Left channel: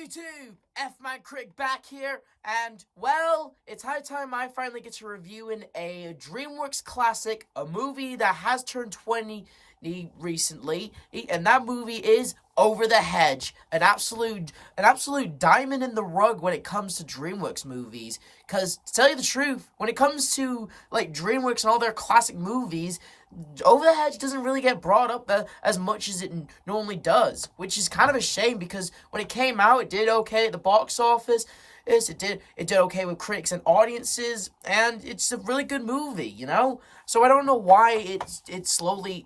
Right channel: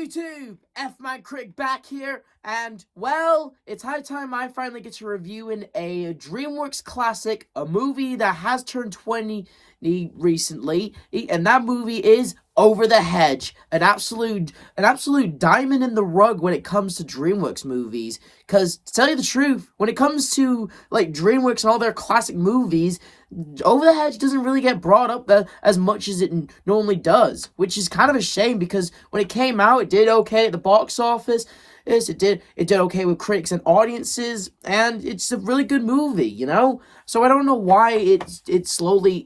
YouTube? F-Man CRITIC back here, and, well, it's high time I finally get to reviewing a DreamWorks classic, a movie that has turned 20 recently, and that movie is Over the Hedge, an absolute diamond in the rug when it comes to DreamWorks movies. Because, to tell you the truth, when it comes to, like, DreamWorks and all their classic movies, Over the Hedge doesn't really get brought up as much as it normally does, which is kind of a shame because when it came out, it did okay at the box office. It did okay with critics and audiences, and it's a really good movie, you know? So I don't know why it's slowly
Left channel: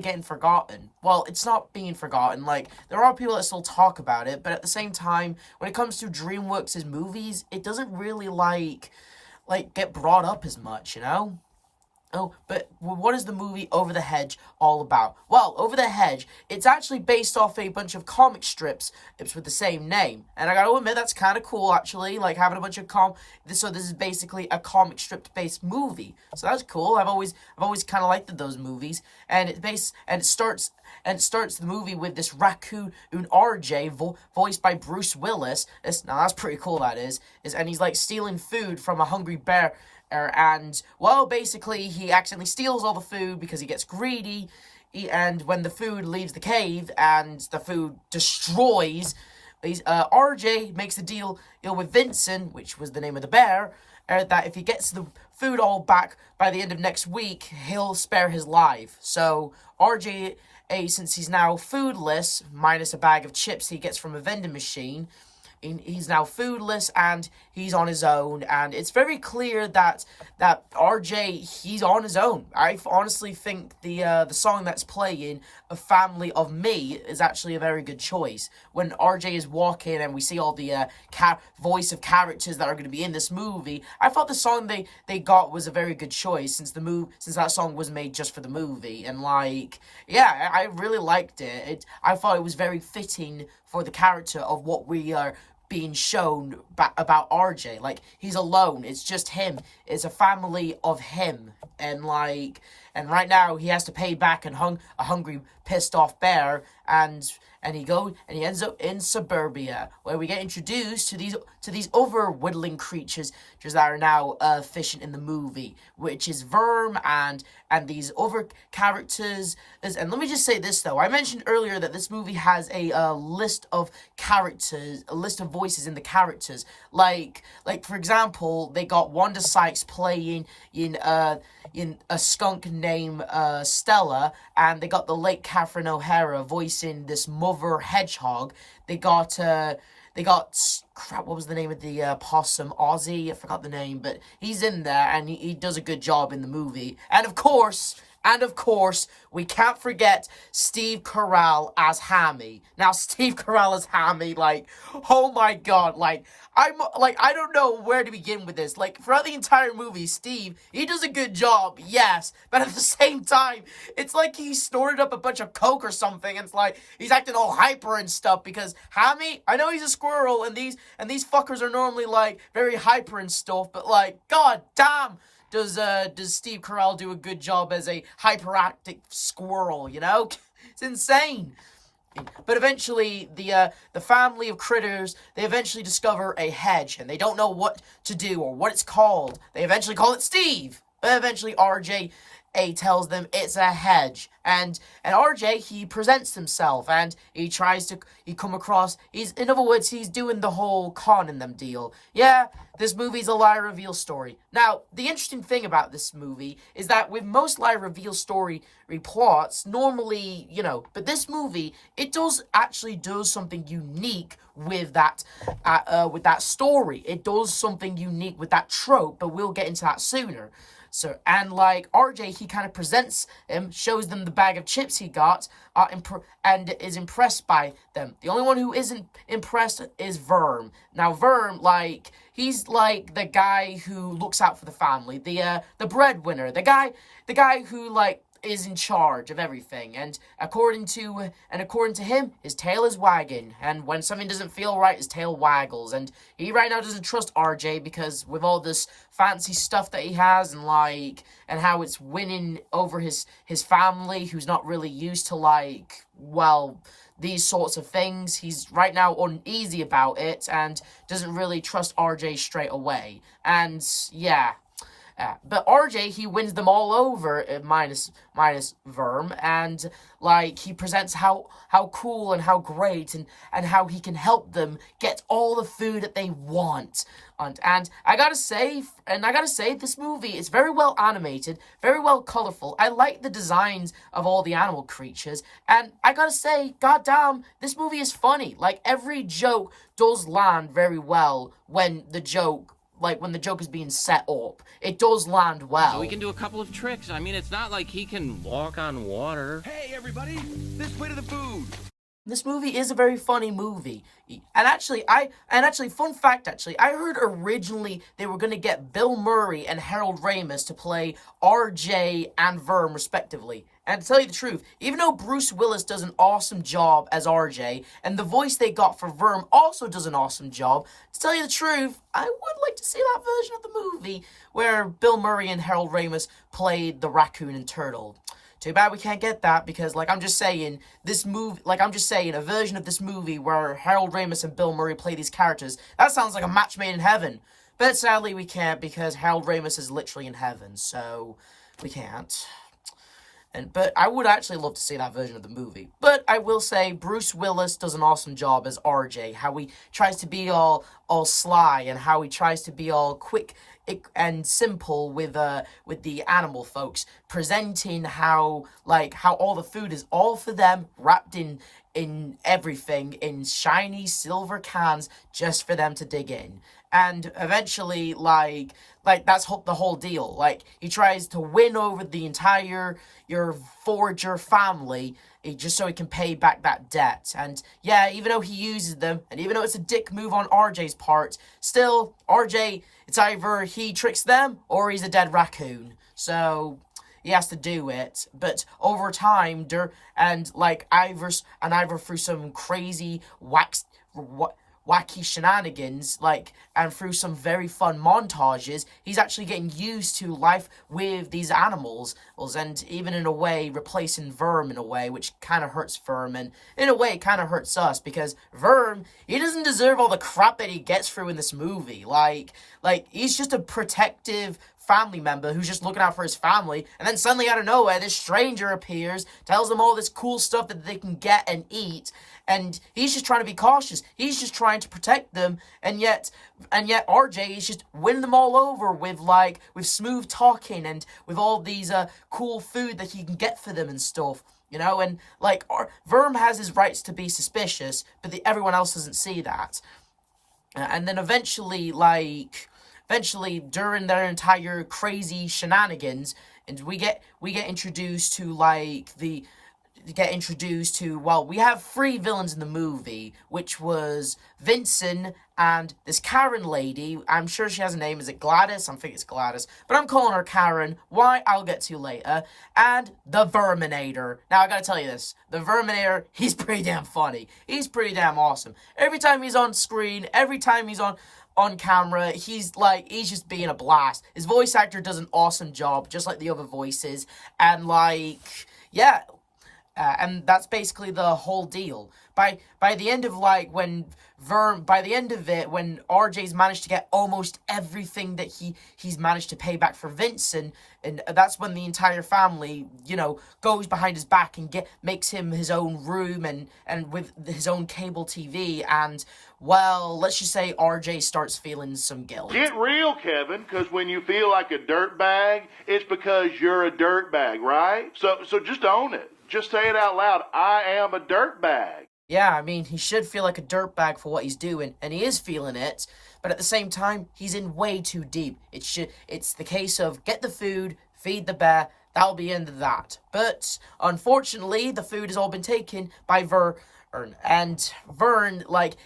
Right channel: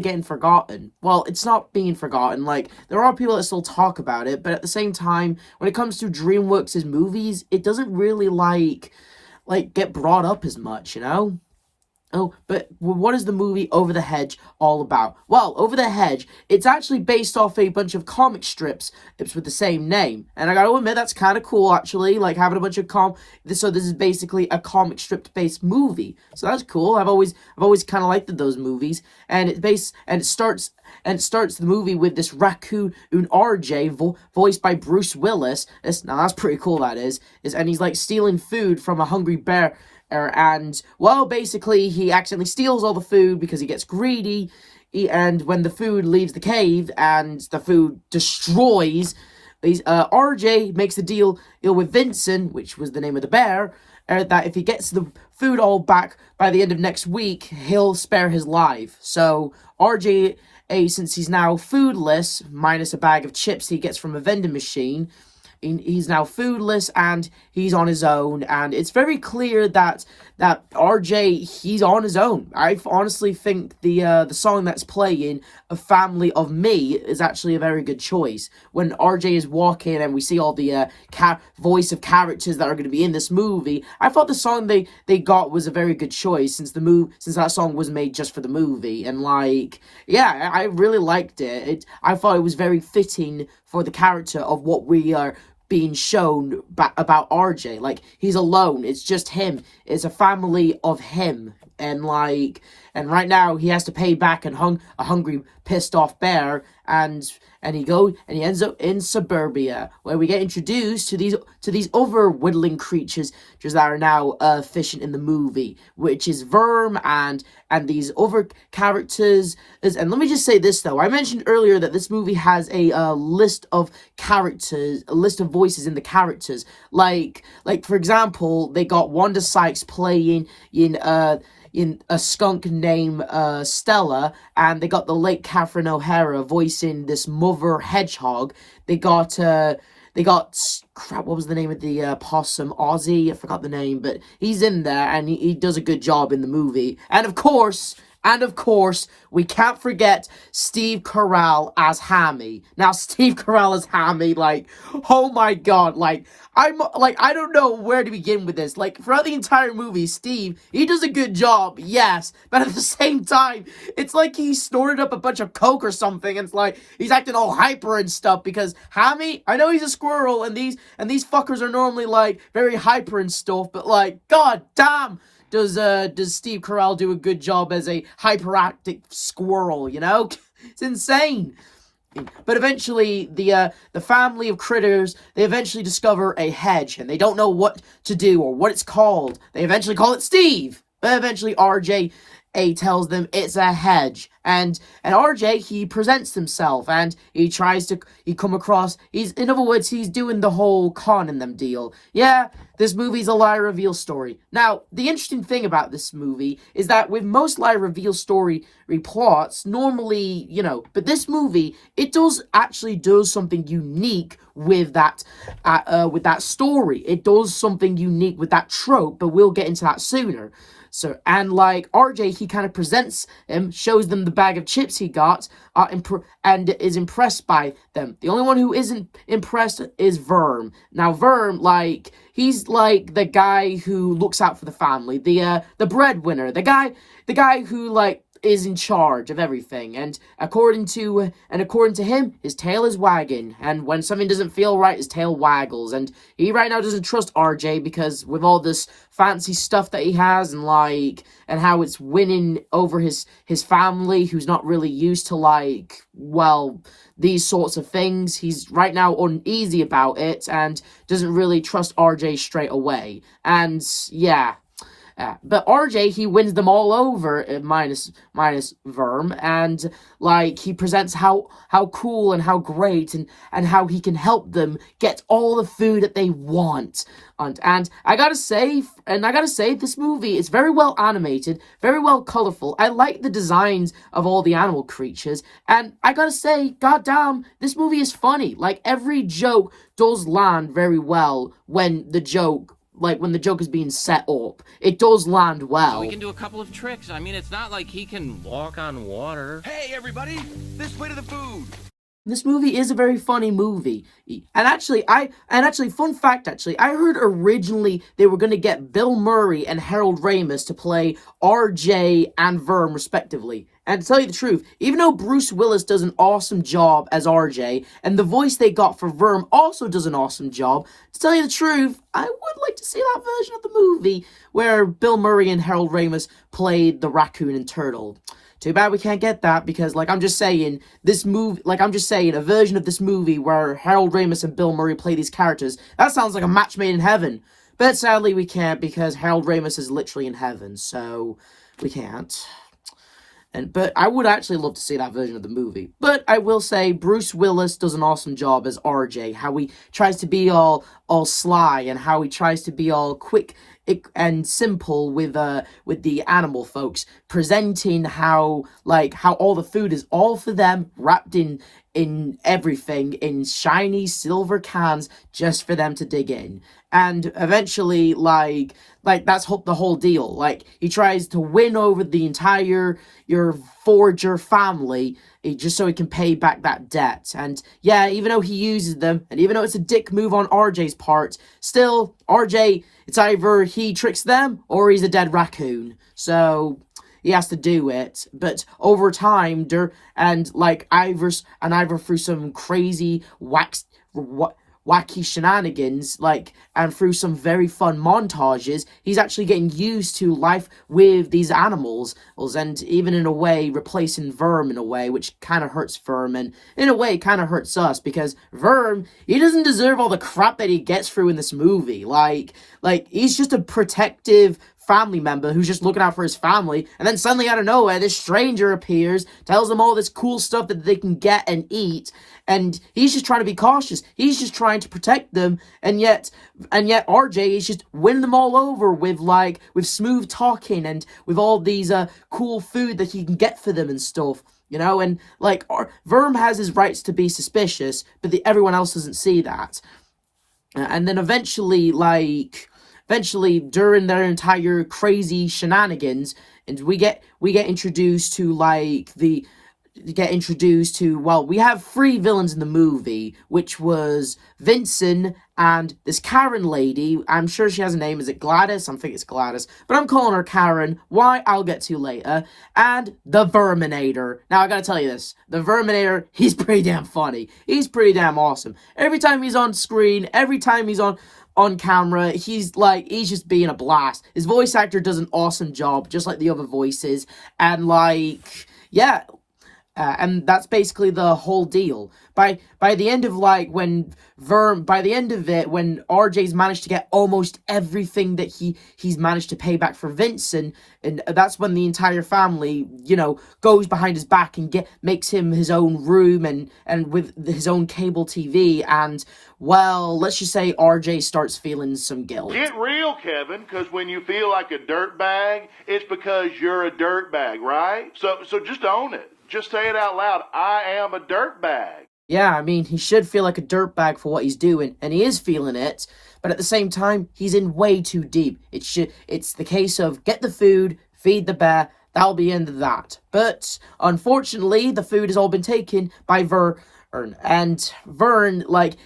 getting forgotten. Well, it's not being forgotten. Like, there are people that still talk about it, but at the same time, when it comes to DreamWorks' movies, it doesn't really like get brought up as much, you know? Oh, but what is the movie Over the Hedge all about? Well, Over the Hedge, it's actually based off a bunch of comic strips with the same name. And I gotta admit, that's kind of cool, actually, like having a bunch of so this is basically a comic strip-based movie. So that's cool. I've always kind of liked those movies. And it starts the movie with this raccoon RJ voiced by Bruce Willis. Now that's pretty cool, that is. And he's like stealing food from a hungry bear. And, well, basically, he accidentally steals all the food because he gets greedy, and when the food leaves the cave and the food destroys, RJ makes the deal with Vincent, which was the name of the bear, that if he gets the food all back by the end of next week, he'll spare his life. So, RJ, since he's now foodless, minus a bag of chips he gets from a vending machine, he's now foodless and he's on his own, and it's very clear that RJ, he's on his own. I honestly think the song that's playing, A Family of Me, is actually a very good choice. When RJ is walking and we see all the voice of characters that are going to be in this movie, I thought the song they got was a very good choice since that song was made just for the movie, and yeah, I really liked it. I thought it was very fitting for the character of what we are being shown about RJ. Like, he's alone. It's just him. It's a family of him. And right now he has to pay back a hungry, pissed off bear, and he ends up in suburbia, where we get introduced to these other whittling creatures that are now efficient in the movie, which is Verm and these other characters. And let me just say this though, I mentioned earlier that this movie has a list of characters, a list of voices in the characters. Like for example, they got Wanda Sykes playing in a skunk named Stella, and they got the late Catherine O'Hara voicing this mother hedgehog. They got crap, what was the name of the possum? Ozzy, I forgot the name, but he's in there, and he does a good job in the movie. And of course, we can't forget Steve Carell as Hammy. Now, Steve Carell as Hammy, oh my god, I don't know where to begin with this. Throughout the entire movie, Steve, he does a good job, yes, but at the same time, it's like he snorted up a bunch of coke or something, and it's he's acting all hyper and stuff, because Hammy, I know he's a squirrel, and these fuckers are normally, very hyper and stuff, but, god damn, does Steve Carell do a good job as a hyperactive squirrel, you know? It's insane. But eventually, the family of critters, they eventually discover a hedge, and they don't know what to do or what it's called. They eventually call it Steve. But eventually, RJ tells them it's a hedge, and RJ, he presents himself, and he come across, in other words, he's doing the whole con in them deal. Yeah, this movie's a lie reveal story. Now, the interesting thing about this movie is that with most lie reveal story plots, normally, but this movie, it actually does something unique with that story. It does something unique with that trope, but we'll get into that sooner. So, and RJ, he kind of presents him, shows them the bag of chips he got, and is impressed by them. The only one who isn't impressed is Verm. Now, Verm, he's the guy who looks out for the family, the breadwinner, the guy who, is in charge of everything, and according to him, his tail is wagging, and when something doesn't feel right, his tail waggles, and he right now doesn't trust RJ because with all this fancy stuff that he has, and how it's winning over his family, who's not really used to these sorts of things, he's right now uneasy about it, and doesn't really trust RJ straight away, and yeah. But RJ, he wins them all over, minus Verm, and, he presents how cool and how great, and how he can help them get all the food that they want. And I gotta say, this movie is very well animated, very well colorful. I like the designs of all the animal creatures, and I gotta say, goddamn, this movie is funny. Every joke does land very well when the joke is being set up. It does land well. So he can do a couple of tricks. I mean, it's not like he can walk on water. Hey, everybody! This way to the food! This movie is a very funny movie. And actually, fun fact, I heard originally they were going to get Bill Murray and Harold Ramis to play RJ and Verm, respectively. And to tell you the truth, even though Bruce Willis does an awesome job as RJ, and the voice they got for Verm also does an awesome job, to tell you the truth, I would like to see that version of the movie where Bill Murray and Harold Ramis played the raccoon and turtle. Too bad we can't get that, because, I'm just saying, a version of this movie where Harold Ramis and Bill Murray play these characters, that sounds like a match made in heaven. But sadly we can't, because Harold Ramis is literally in heaven, so we can't. But I would actually love to see that version of the movie. But I will say, Bruce Willis does an awesome job as RJ, how he tries to be all sly, and how he tries to be all quick and simple with the animal folks, presenting how all the food is all for them, wrapped in everything, in shiny silver cans, just for them to dig in. And eventually, that's the whole deal. He tries to win over the entire your forager family, just so he can pay back that debt. And yeah, even though he uses them, and even though it's a dick move on RJ's part, still, RJ, it's either he tricks them, or he's a dead raccoon. So he has to do it, but over time, either through some crazy wacky shenanigans, and through some very fun montages, he's actually getting used to life with these animals, and even in a way replacing Verm in a way, which kind of hurts Verm, and in a way kind of hurts us, because Verm, he doesn't deserve all the crap that he gets through in this movie. He's just a protective family member who's just looking out for his family, and then suddenly out of nowhere this stranger appears, tells them all this cool stuff that they can get and eat, and he's just trying to be cautious. He's just trying to protect them, and yet RJ is just winning them all over with smooth talking, and with all these cool food that he can get for them and stuff. And Verm has his rights to be suspicious, but everyone else doesn't see that. And then eventually, during their entire crazy shenanigans, and we get introduced to we have three villains in the movie, which was Vincent and this Karen lady. I'm sure she has a name. Is it Gladys? I think it's Gladys, but I'm calling her Karen. Why? I'll get to later. And the Verminator. Now, I gotta tell you this. The Verminator, he's pretty damn funny. He's pretty damn awesome. Every time he's on screen, every time he's on camera, he's just being a blast. His voice actor does an awesome job, just like the other voices, and yeah. And that's basically the whole deal. By the end of when RJ's managed to get almost everything that he's managed to pay back for Vincent, and that's when the entire family, goes behind his back and makes him his own room and with his own cable TV, and well, let's just say RJ starts feeling some guilt. Get real, Kevin, because when you feel like a dirtbag, it's because you're a dirtbag, right? So just own it. Just say it out loud. I am a dirtbag. Yeah, I mean, he should feel like a dirtbag for what he's doing, and he is feeling it, but at the same time, he's in way too deep. It's the case of get the food, feed the bear, that'll be the end of that. But, unfortunately, the food has all been taken by Vern, and Vern,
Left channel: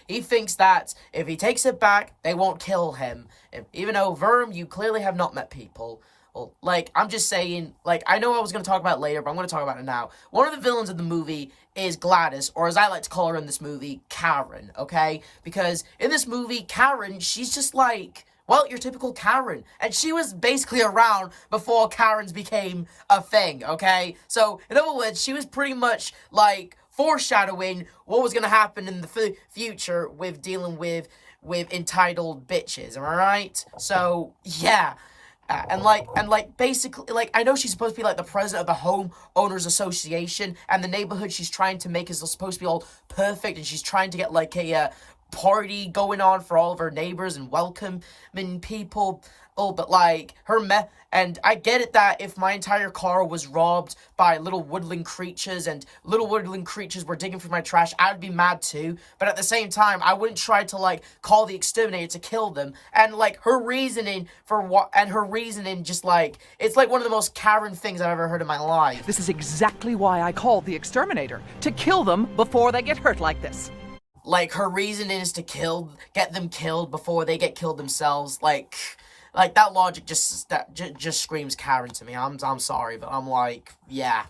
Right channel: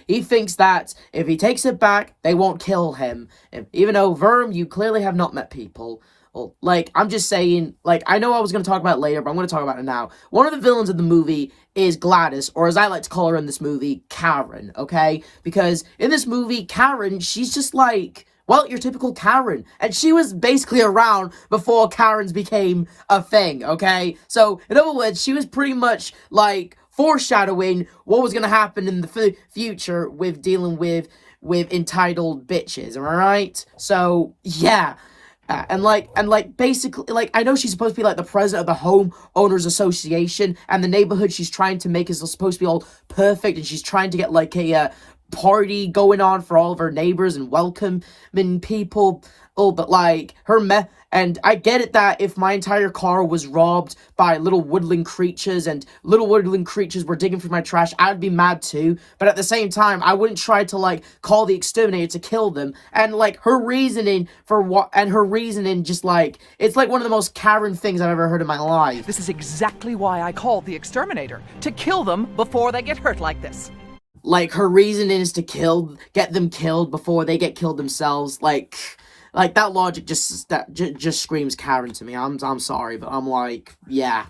he thinks that if he takes it back, they won't kill him. Even though, Vern, you clearly have not met people. Well, like, I'm just saying, like, I know I was going to talk about it later, but I'm going to talk about it now. One of the villains of the movie is Gladys, or as I like to call her in this movie, Karen, okay? Because in this movie, Karen, she's just like, well, your typical Karen. And she was basically around before Karens became a thing, okay? So, in other words, she was pretty much, like, foreshadowing what was going to happen in the future with dealing with entitled bitches, am I right? So, yeah. And basically, like, I know she's supposed to be, like, the president of the Home Owners Association, and the neighborhood she's trying to make is supposed to be all perfect, and she's trying to get, like, a, party going on for all of her neighbors and welcoming people. Oh, but, like, and I get it that if my entire car was robbed by little woodland creatures and little woodland creatures were digging through my trash, I'd be mad too. But at the same time, I wouldn't try to, like, call the exterminator to kill them. And, like, her reasoning just, like, it's, like, one of the most Karen things I've ever heard in my life. This is exactly why I called the exterminator, to kill them before they get hurt like this. Like, her reasoning is to get them killed before they get killed themselves. Like that logic just screams Karen to me. I'm sorry, but I'm like, yeah.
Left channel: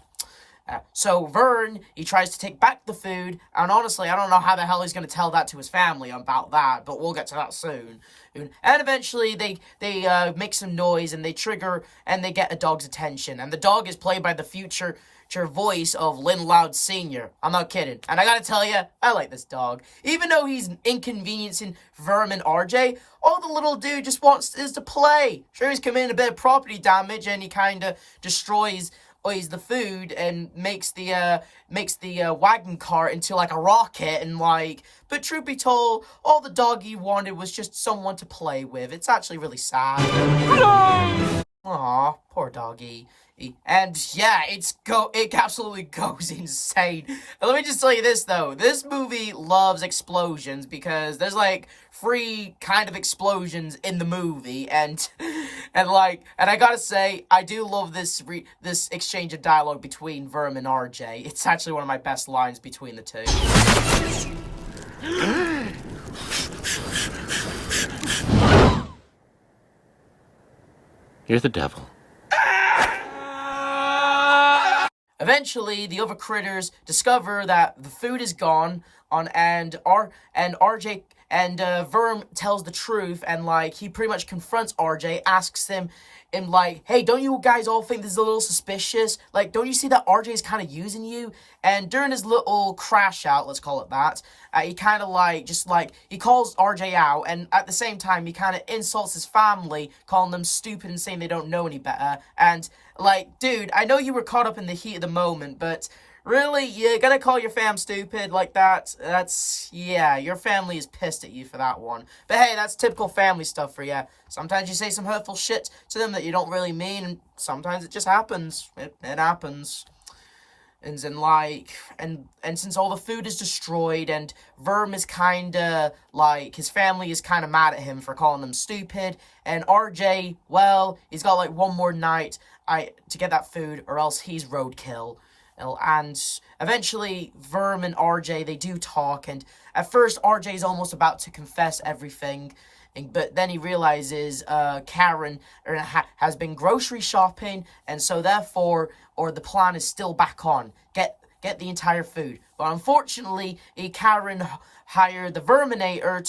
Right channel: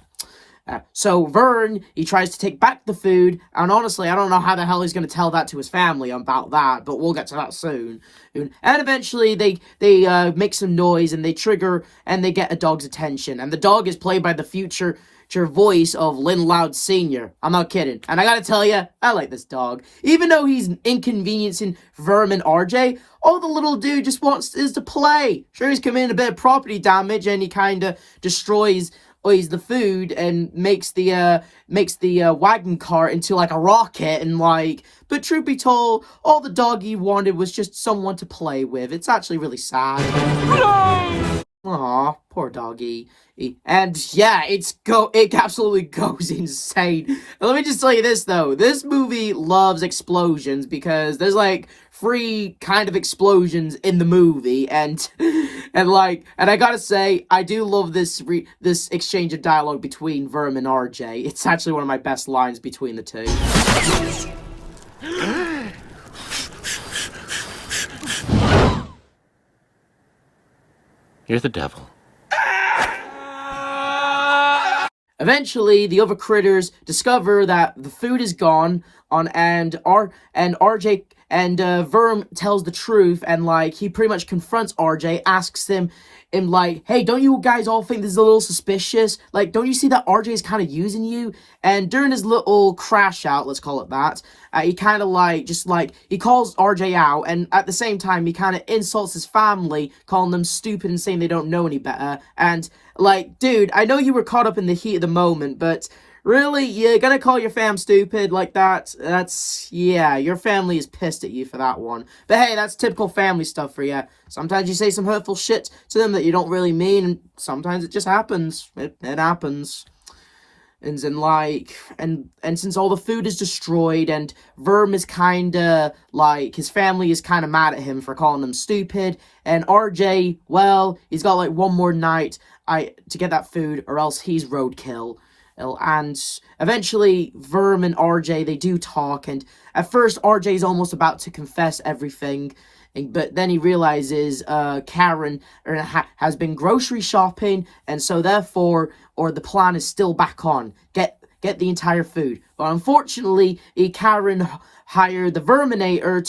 So Vern, he tries to take back the food, and honestly, I don't know how the hell he's going to tell that to his family about that, but we'll get to that soon. And eventually, they make some noise, and they get a dog's attention, and the dog is played by the future voice of Lynn Loud Sr. I'm not kidding. And I gotta tell you, I like this dog. Even though he's inconveniencing Verm and RJ, all the little dude just wants is to play. Sure, he's committing a bit of property damage, and he kind of destroys the food and makes the wagon cart into like a rocket, and like, but truth be told, all the doggy wanted was just someone to play with. It's actually really sad. Aw, poor doggy. And yeah, it absolutely goes insane. And let me just tell you this though, this movie loves explosions because there's like 3 kind of explosions in the movie, and I gotta say, I do love this exchange of dialogue between Verm and RJ. It's actually one of my best lines between the two. You're the devil. Eventually, the other critters discover that the food is gone, and RJ and Verm tells the truth, and like he pretty much confronts RJ, asks him, like, hey, don't you guys all think this is a little suspicious? Like, don't you see that RJ is kind of using you? And during his little crash out, let's call it that, he kind of he calls RJ out, and at the same time, he kind of insults his family, calling them stupid and saying they don't know any better. And like, dude, I know you were caught up in the heat of the moment, but really, you're gonna call your fam stupid like that? Yeah, your family is pissed at you for that one. But hey, that's typical family stuff for you. Sometimes you say some hurtful shit to them that you don't really mean, and sometimes it just happens. It happens. And since all the food is destroyed, and Verm is kinda, like, his family is kinda mad at him for calling them stupid, and RJ, well, he's got, like, one more night to get that food, or else he's roadkill. And eventually, Verm and RJ, they do talk, and at first, RJ's almost about to confess everything, but then he realizes Karen has been grocery shopping, and so therefore, the plan is still back on. Get the entire food. But unfortunately, Karen hired the Verminator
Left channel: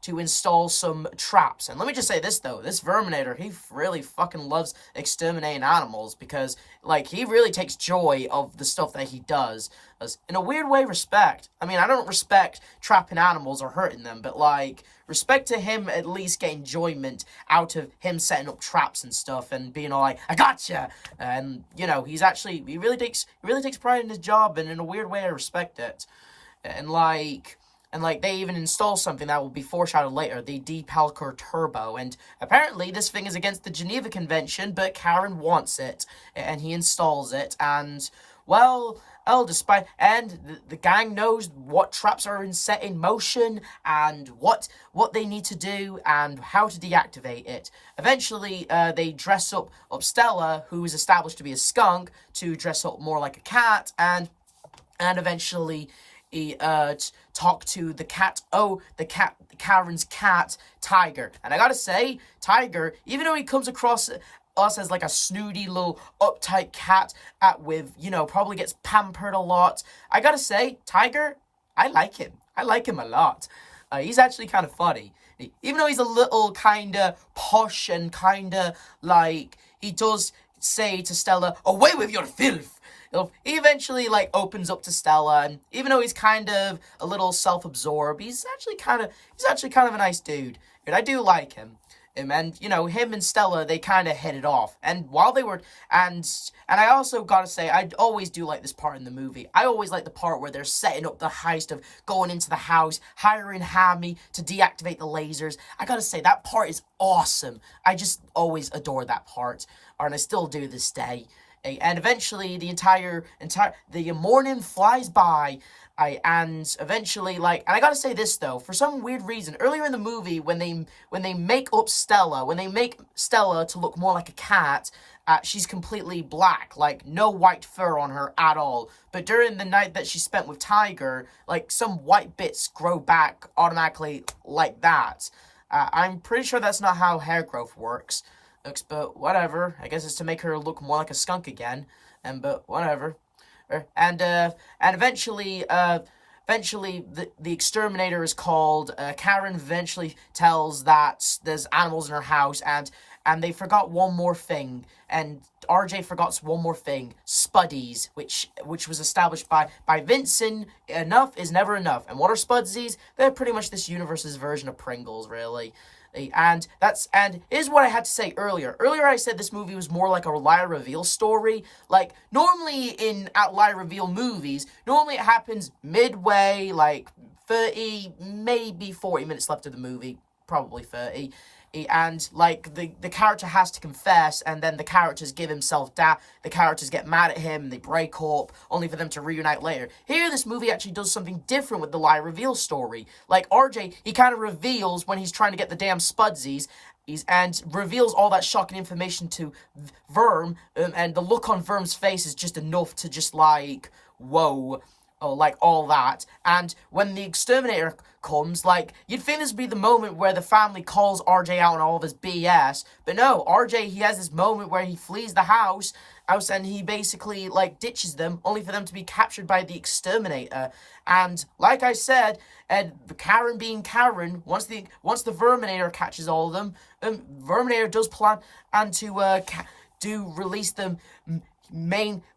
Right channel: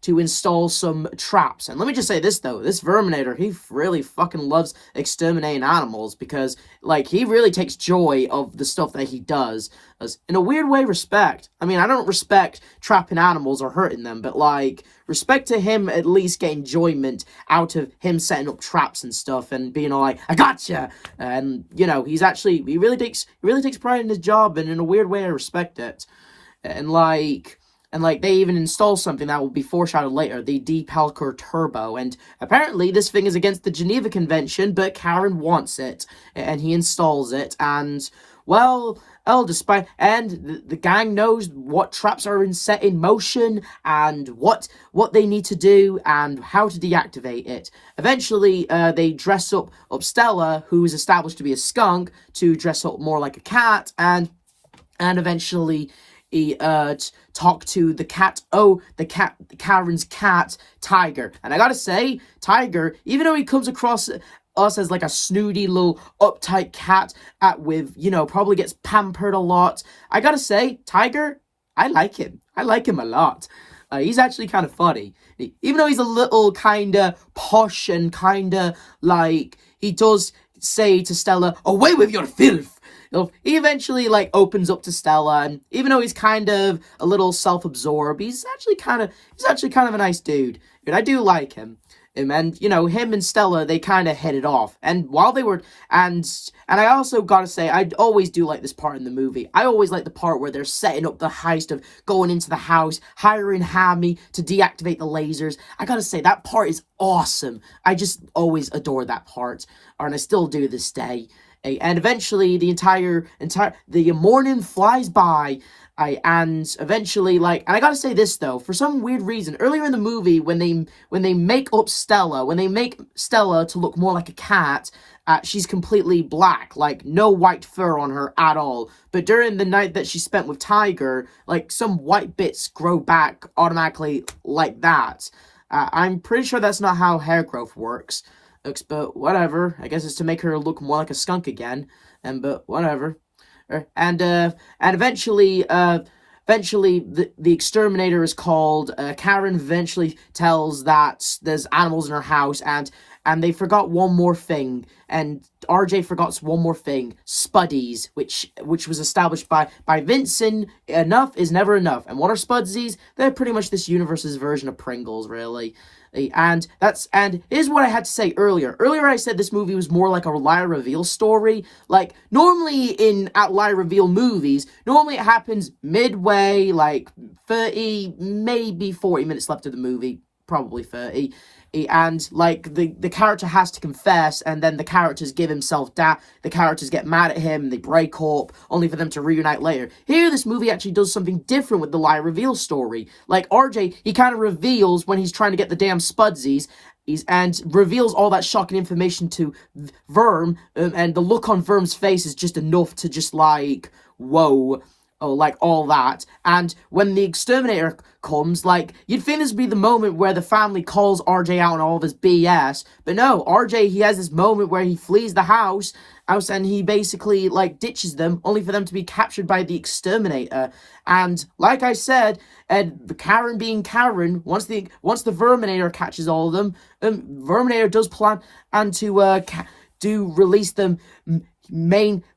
to install some traps. And let me just say this, though. This Verminator, he really fucking loves exterminating animals because, like, he really takes joy of the stuff that he does. As, in a weird way, respect. I mean, I don't respect trapping animals or hurting them, but, like, respect to him at least get enjoyment out of him setting up traps and stuff and being all like, I gotcha! And, you know, he really takes pride in his job, and in a weird way, I respect it. And they even install something that will be foreshadowed later, the Depalker Turbo, and apparently this thing is against the Geneva Convention, but Karen wants it, and he installs it, and, well, the gang knows what traps are set in motion, and what they need to do, and how to deactivate it. Eventually, they dress up Stella, who is established to be a skunk, to dress up more like a cat, and eventually he talk to the cat, Karen's cat, Tiger. And I gotta say, Tiger, even though he comes across us as like a snooty little uptight cat with, you know, probably gets pampered a lot. I gotta say, Tiger, I like him. I like him a lot. He's actually kind of funny. Even though he's a little kind of posh and kind of like, he does say to Stella, away with your filth. He eventually like opens up to Stella, and even though he's kind of a little self-absorbed, he's actually kind of a nice dude. And I do like him. And, you know, him and Stella, they kind of hit it off. And while they were, and I also gotta say, I always do like this part in the movie. I always like the part where they're setting up the heist of going into the house, hiring Hammy to deactivate the lasers. I gotta say, that part is awesome. I just always adore that part. And I still do this day. And eventually, the morning flies by, and eventually, like, and I gotta say this though, for some weird reason, earlier in the movie, when they make Stella to look more like a cat, she's completely black, like, no white fur on her at all. But during the night that she spent with Tiger, like, some white bits grow back automatically like that. I'm pretty sure that's not how hair growth works. But whatever. I guess it's to make her look more like a skunk again. But whatever. And eventually the exterminator is called. Karen eventually tells that there's animals in her house, and they forgot one more thing. And RJ forgot one more thing: Spuddies, which was established by Vincent. Enough is never enough. And what are Spudsies? They're pretty much this universe's version of Pringles, really. And here's what I had to say earlier. Earlier I said this movie was more like a lie reveal story. Like, normally in lie reveal movies, normally it happens midway, like 30, maybe 40 minutes left of the movie, probably 30. And like the character has to confess, and then the characters give himself down. The characters get mad at him, and they break up, only for them to reunite later. Here, this movie actually does something different with the lie reveal story. Like RJ, he kind of reveals when he's trying to get the damn Spudsies, and reveals all that shocking information to Verm, and the look on Verm's face is just enough to just like, whoa. Oh, like all that. And when the exterminator comes, like, you'd think this would be the moment where the family calls RJ out on all of his BS. But no, RJ, he has this moment where he flees the house, and he basically, like, ditches them, only for them to be captured by the exterminator. And, like I said, Karen being Karen, once the Verminator catches all of them, Verminator does plan and to release them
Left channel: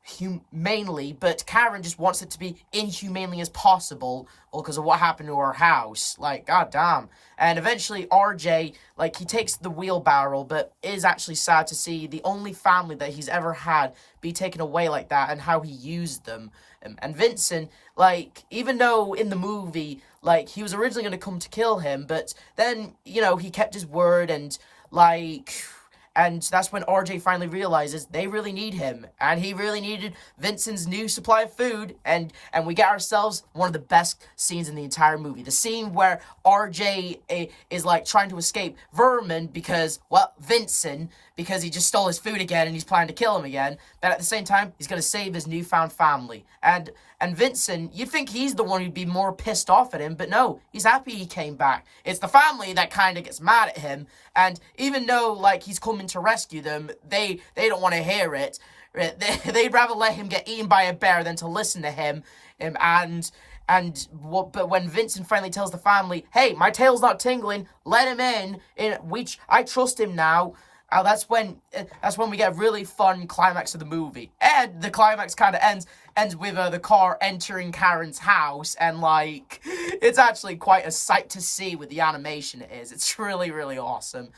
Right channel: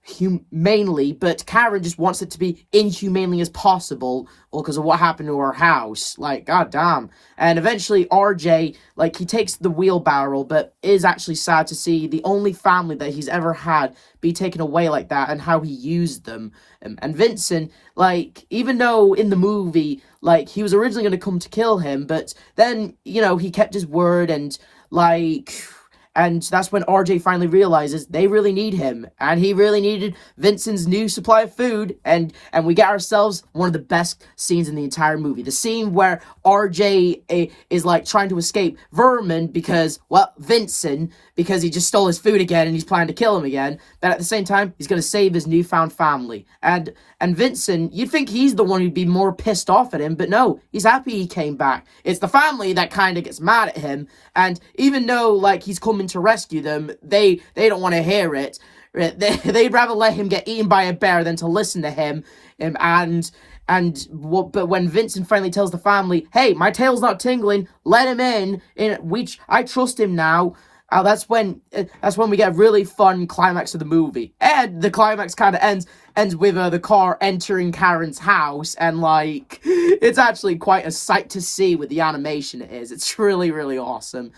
humanely, but Karen just wants it to be inhumanely as possible, or because of what happened to her house. Like, goddamn. And eventually RJ, like, he takes the wheelbarrow, but is actually sad to see the only family that he's ever had be taken away like that, and how he used them. And Vincent, like, even though in the movie, like, he was originally going to come to kill him, but then, you know, he kept his word, and, like... And that's when RJ finally realizes they really need him. And he really needed Vincent's new supply of food. And we get ourselves one of the best scenes in the entire movie. The scene where RJ is like trying to escape Vermin because, well, Vincent, because he just stole his food again and he's planning to kill him again. But at the same time, he's going to save his newfound family. And Vincent, you'd think he's the one who'd be more pissed off at him, but no, he's happy he came back. It's the family that kind of gets mad at him, and even though, like, he's coming to rescue them, they don't want to hear it. They'd rather let him get eaten by a bear than to listen to him. But when Vincent finally tells the family, hey, my tail's not tingling, let him in, I trust him now. That's when we get a really fun climax of the movie. And the climax kind of ends with the car entering Karen's house, and like, it's actually quite a sight to see with the animation it is. It's really, really awesome.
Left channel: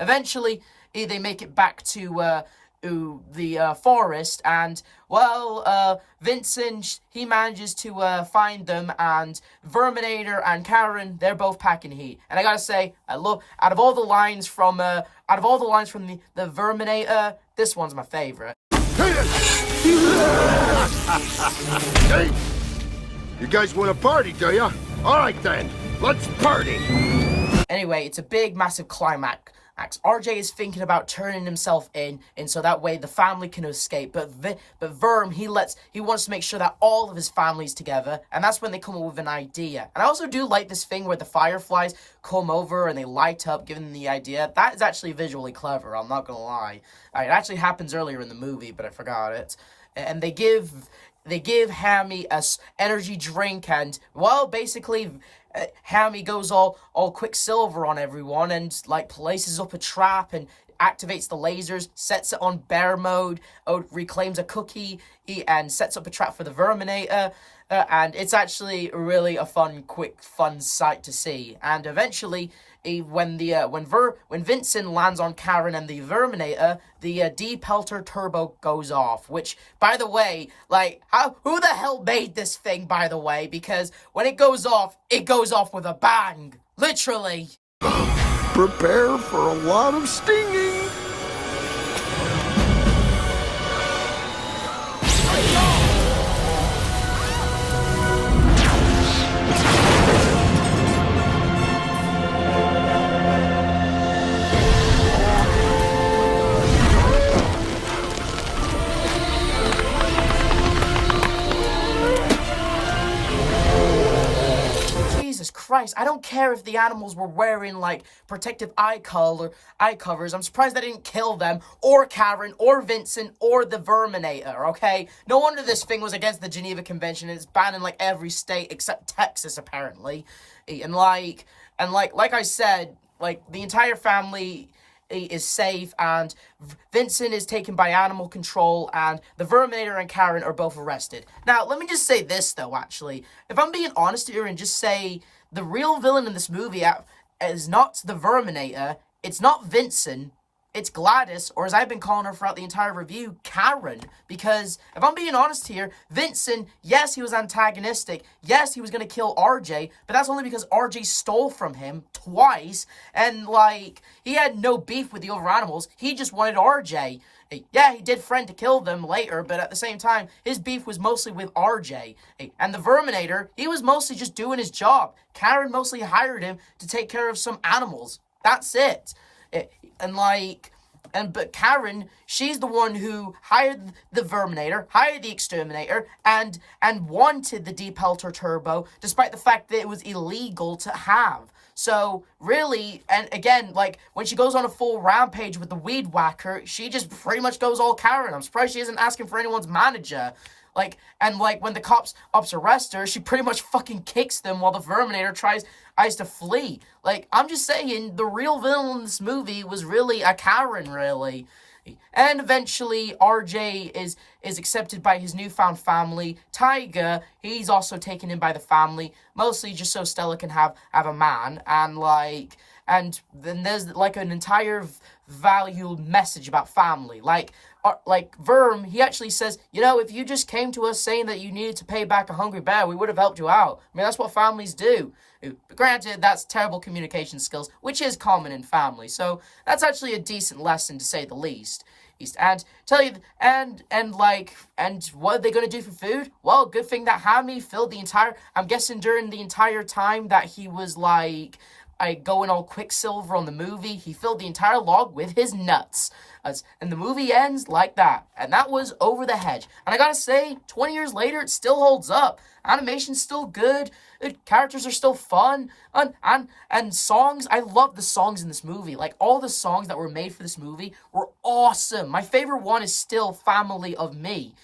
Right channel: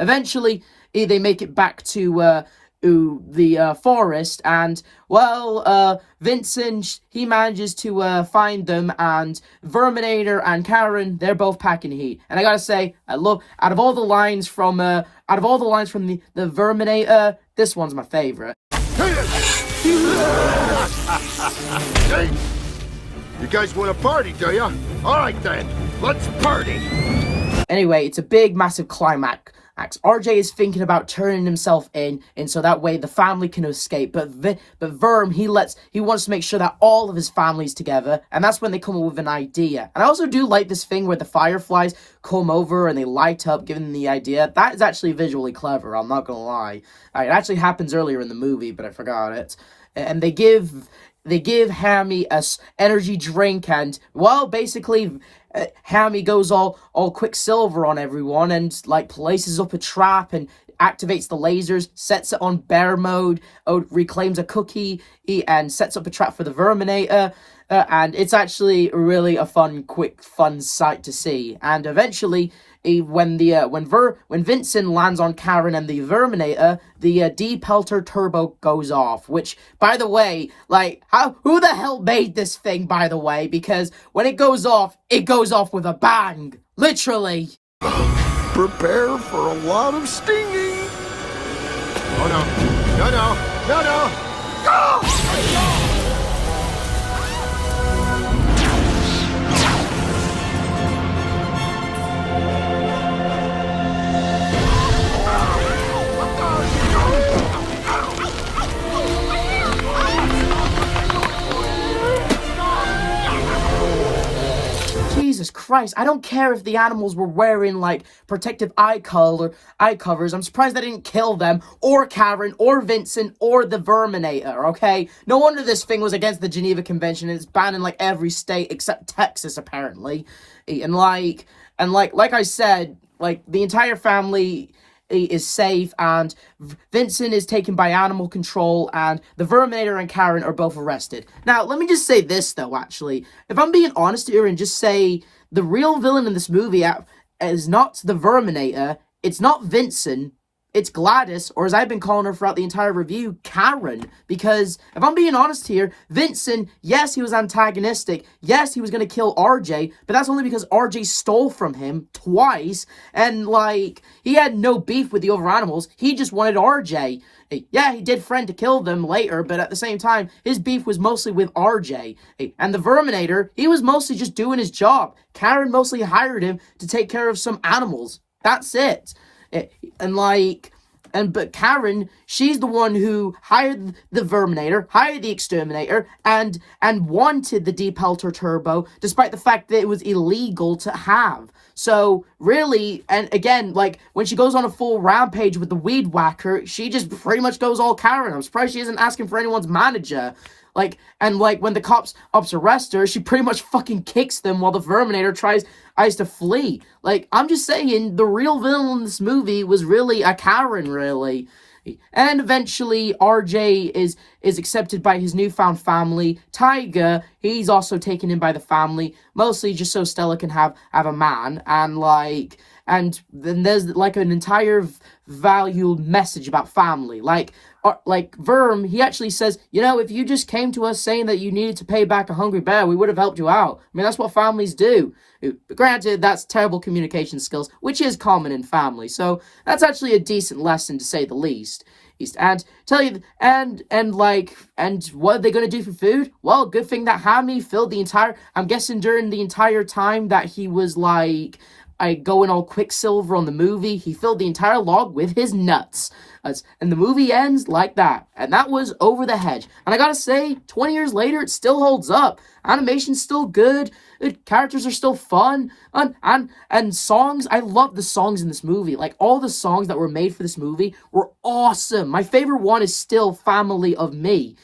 Eventually, they make it back to the forest, and well, Vincent, he manages to find them, and Verminator and Karen, they're both packing heat. And I gotta say, I love, out of all the lines from the Verminator, this one's my favorite. Hey, you guys want to party, do ya? All right then, let's party. Anyway, it's a big, massive climax RJ is thinking about turning himself in, and so that way the family can escape. But Verm, he wants to make sure that all of his family's together, and that's when they come up with an idea. And I also do like this thing where the fireflies come over and they light up, giving them the idea. That is actually visually clever, I'm not gonna lie. It actually happens earlier in the movie, but I forgot it. And they give Hammy a energy drink, and, well, basically, Hammy goes all Quicksilver on everyone, and, like, places up a trap, and activates the lasers, sets it on bear mode, reclaims a cookie, and sets up a trap for the Verminator, and it's actually really a fun sight to see. And eventually, when Vincent lands on Karen and the Verminator, the D-Pelter turbo goes off, which, by the way, like, who the hell made this thing, by the way? Because when it goes off with a bang. Literally. Prepare for a lot of stinging. Oh no. Jesus Christ, I don't care if the animals were wearing, like, protective eye covers. I'm surprised they didn't kill them, or Karen, or Vincent, or the Verminator, okay? No wonder this thing was against the Geneva Convention, and it's banned in, like, every state except Texas, apparently. And like I said, like, the entire family is safe, and Vincent is taken by animal control, and the Verminator and Karen are both arrested. Now, let me just say this, though, actually. If I'm being honest here and just say the real villain in this movie is not the Verminator, it's not Vincent, it's Gladys, or as I've been calling her throughout the entire review, Karen. Because, if I'm being honest here, Vincent, yes, he was antagonistic, yes, he was gonna kill RJ, but that's only because RJ stole from him twice, and, like, he had no beef with the other animals, he just wanted RJ. Yeah, he did threaten to kill them later, but at the same time, his beef was mostly with RJ. And the Verminator, he was mostly just doing his job. Karen mostly hired him to take care of some animals. That's it. But Karen, she's the one who hired the Verminator, hired the Exterminator, and wanted the D-Pelter Turbo, despite the fact that it was illegal to have. So, really, and again, like, when she goes on a full rampage with the Weed Whacker, she just pretty much goes all Karen. I'm surprised she isn't asking for anyone's manager. When the cops arrest her, she pretty much fucking kicks them while the Verminator tries to flee. Like, I'm just saying, the real villain in this movie was really a Karen, really. And eventually, RJ is accepted by his newfound family. Tiger, he's also taken in by the family, mostly just so Stella can have a man. And then there's, like, an entire valued message about family. Like Verm, he actually says, you know, if you just came to us saying that you needed to pay back a hungry bear, we would have helped you out. I mean, that's what families do. But granted, that's terrible communication skills, which is common in family. So that's actually a decent lesson, to say the least. And tell you, and what are they gonna do for food? Well, good thing that Hammy filled the entire. I'm guessing during the entire time that he was going all Quicksilver on the movie, he filled the entire log with his nuts. And the movie ends like that. And that was Over the Hedge. And I gotta say, 20 years later, it still holds up. Animation's still good. Characters are still fun. And songs, I love the songs in this movie. Like, all the songs that were made for this movie were awesome. My favorite one is still Family of Me.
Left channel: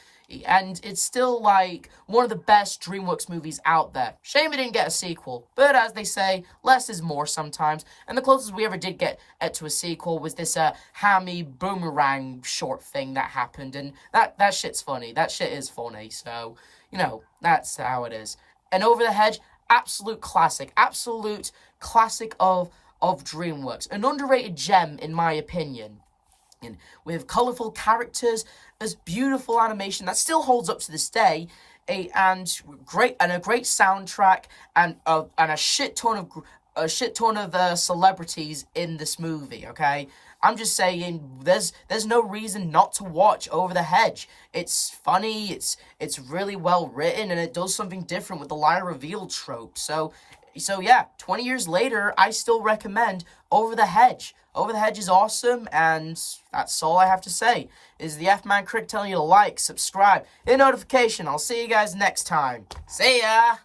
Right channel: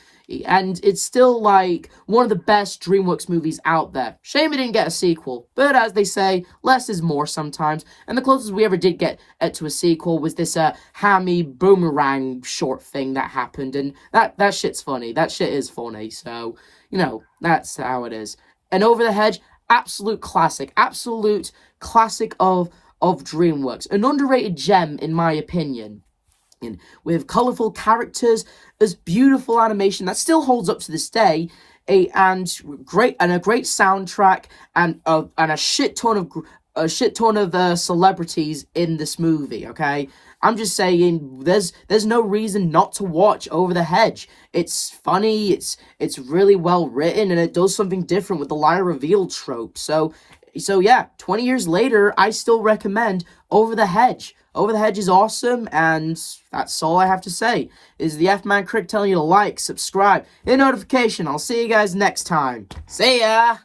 And it's still, like, one of the best DreamWorks movies out there. Shame it didn't get a sequel. But as they say, less is more sometimes. And the closest we ever did get to a sequel was this Hammy Boomerang short thing that happened. And that shit's funny. That shit is funny. So, you know, that's how it is. And Over the Hedge, absolute classic. Absolute classic of DreamWorks. An underrated gem, in my opinion. And with colourful characters, as beautiful animation that still holds up to this day, and a great soundtrack, and a shit ton of celebrities in this movie. Okay, I'm just saying, there's no reason not to watch Over the Hedge. It's funny, it's really well written, and it does something different with the lie reveal trope. So, So yeah, 20 years later, I still recommend Over the Hedge. Over the Hedge is awesome, and that's all I have to say. Is the F-Man Critic telling you to like, subscribe, hit notification. I'll see you guys next time. See ya!